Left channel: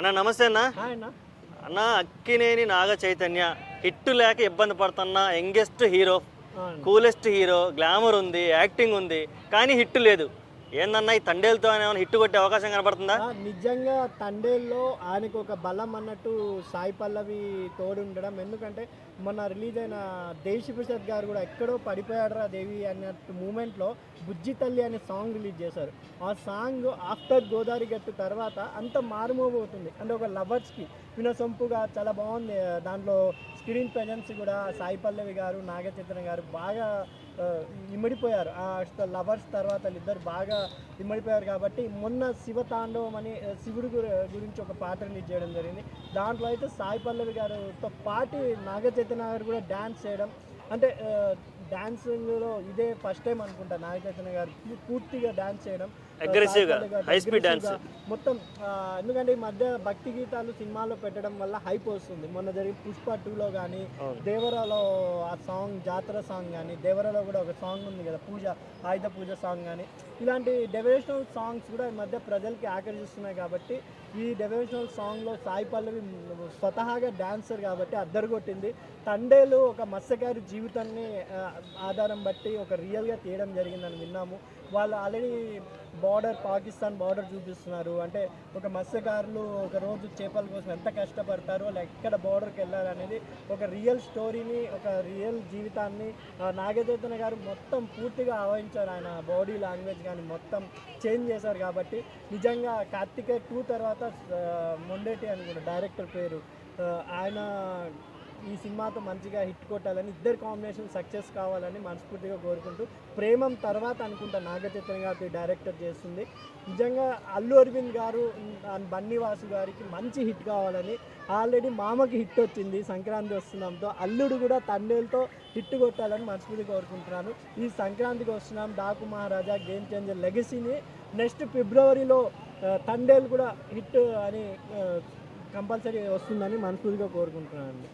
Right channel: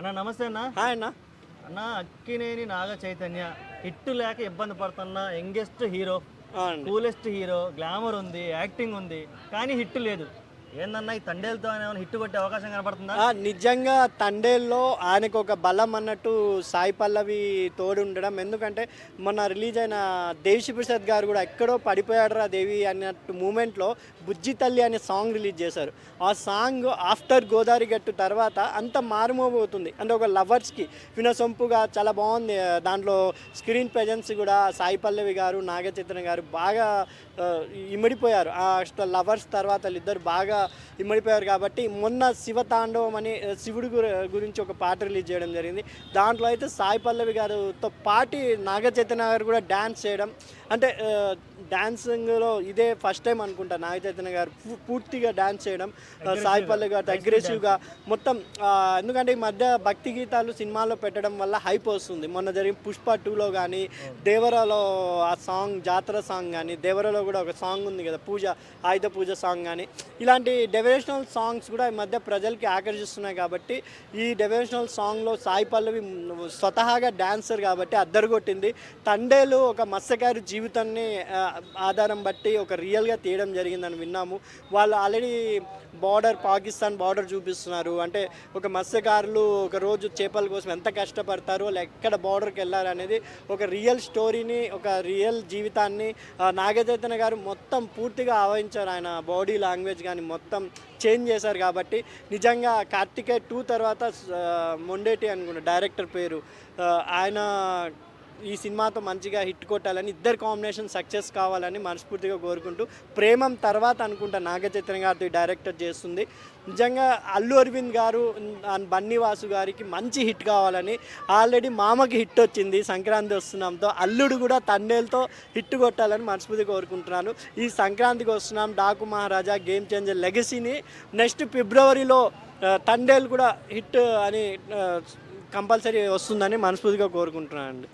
అన్న నమస్తే అన్న. హాయ్ అన్న. అన్న అక్కినేని నాగ చైతన్య హిట్ లేక ఇబ్బంది పడుతున్న youngest hero, coolest hero, glamour ఉంది, యాక్టింగ్ ఉంది, కానీ హిట్ లేదు. ఏందన్నా ఈ తండేలతో ఏమైనా హిట్ కొట్టే అవకాశం కనబడుతుందా? నిజంగా తండేల్లో ఆయనకు ఒక బలం అన్నట్టు సాయి పల్లవి తోడు ఉండడం. ఎందుకంటే మొన్న రిలీజ్ అయిన దేవిశ్రీ ప్రసాద్ గారు కూడా ఎక్కడో పడిపోయాడరా దేవి అన్నట్టు మూమెంట్లో బుజ్జి తల్లి అనే సాంగ్ రిలీజ్ చేశారు. ఆ సాంగ్ ఆఫ్టర్ గోదావరి గట్టు తర్వాత అంత మారుమోగవుతుంది. అంటే ఒక లవర్స్కి వినసొంపుగా చాలా బాగుంది. దాంట్లో స్క్రీన్ ప్రెజెన్స్ కూడా సాయి పల్లవి గారు, నాగ చైతన్య గారు బాగా ఇమిడిపోయారు. లవర్స్ తర్వాత వాళ్ళిద్దరు బాగా ఇమిడిపోయారు. కాబట్టి మొన్న శివతాండవం అని శివుడు గురించి ఒక పాట రిలీజ్ చేయడం జరిగింది. దాంట్లో అయితే సాయి పల్లవి గారితో పాటు నాగ చైతన్య గారు కూడా డ్యాన్స్ చేయడం, అంటే డాన్సింగ్లో ఇదే ఫస్ట్ టైం అనుకుంటా నాగ చైతన్య గారు పూర్తిగా డ్యాన్స్ చేయడం, సాయి పల్లవి గారు అగ్రెసివ్గా మొత్తం. ఎందుకంటే ఈ మధ్య భక్తి గీతాలు సినిమాలో పెట్టడం వల్ల హైప్ వస్తుంది. మొన్న జరిగిన పుష్ప 2లో కానీ, దేవరాలో ఆ సాంగ్ జాతర సాంగ్ కానీ, దేవరాలో కూడా ఒక సాంగ్ ఉంది కదా పూజ, ఆయుధ పూజ సాంగ్ కానీ, ఇలాంటి డెవరేషనల్ సాంగ్స్ కూడా ఈ మధ్య ప్రజలకి ఆకర్షిస్తున్నాయి. కాబట్టి ఈ డెవరేషనల్ సాంగ్లో సాయి పల్లవి స్వతహాగా డాన్సర్ కాబట్టి అద్దరుగొట్టింది. తండేలు ఒక మత్స్యకారు జీవితాన్ని ఆధారం బట్టి ఒక రియల్గా తీయడం జరిగిందని విన్నాము. వాళ్ళు ఆల్రెడీ పాకిస్తాన్ బార్డర్ చూపిస్తున్నారు. అంటే ఒక మత్స్యకారులు ఒక రోజు చేపల కోసం ఎంత కష్టపడతారో, వాళ్ళు ఎక్కడ బార్డర్కి వెళ్ళారు అనేది ఒక రియల్ స్టోరీని, ఒక రియల్ జీవితాన్ని నాగ చైతన్య గారు మొత్తం పూర్తిగా ఆవహించారు. ఆయన బాడీ లాంగ్వేజ్ కానీ మొత్తం చేంజ్ చేశారు. కాబట్టి నిజంగా కార్తికేయ 2 తర్వాత మొండేటి అనుకున్న డైరెక్టర్ పేరు, ఆయన ఈ సినిమాతో మంచిగా హిట్ కొట్టాలని, ఇద్దరు కాంబినేషన్ సక్సెస్ కావాలని మనస్ఫూర్తిగా కోరుకుంటూ, ప్రేమం తర్వాత అనుకుంటా నాగ చైతన్య గారితో డైరెక్టర్ చేస్తుంది. నిజంగా అల్లు అరవింద్ గారు బన్నీవాసు గారికి మంచి హిట్ కావాలని, ఆల్రెడీ మామకి హిట్ వచ్చింది సంక్రాంతి వస్తున్నాంతో, అల్లుడు కూడా తండేలతో హిట్ కొట్టాలని మనస్ఫూర్తిగా కోరుకుంటున్నాను. ఈ సంక్రాంతికి వస్తున్నాం డాకు మహారాజా గేమ్ చేంజర్ లెగసీని నెక్స్ట్ ఫిబ్రవరిలో తండేలు కూడా హిట్ అని కంపల్సరీ వస్తుందని మనస్ఫూర్తిగా కోరుకుంటున్నాను అండి.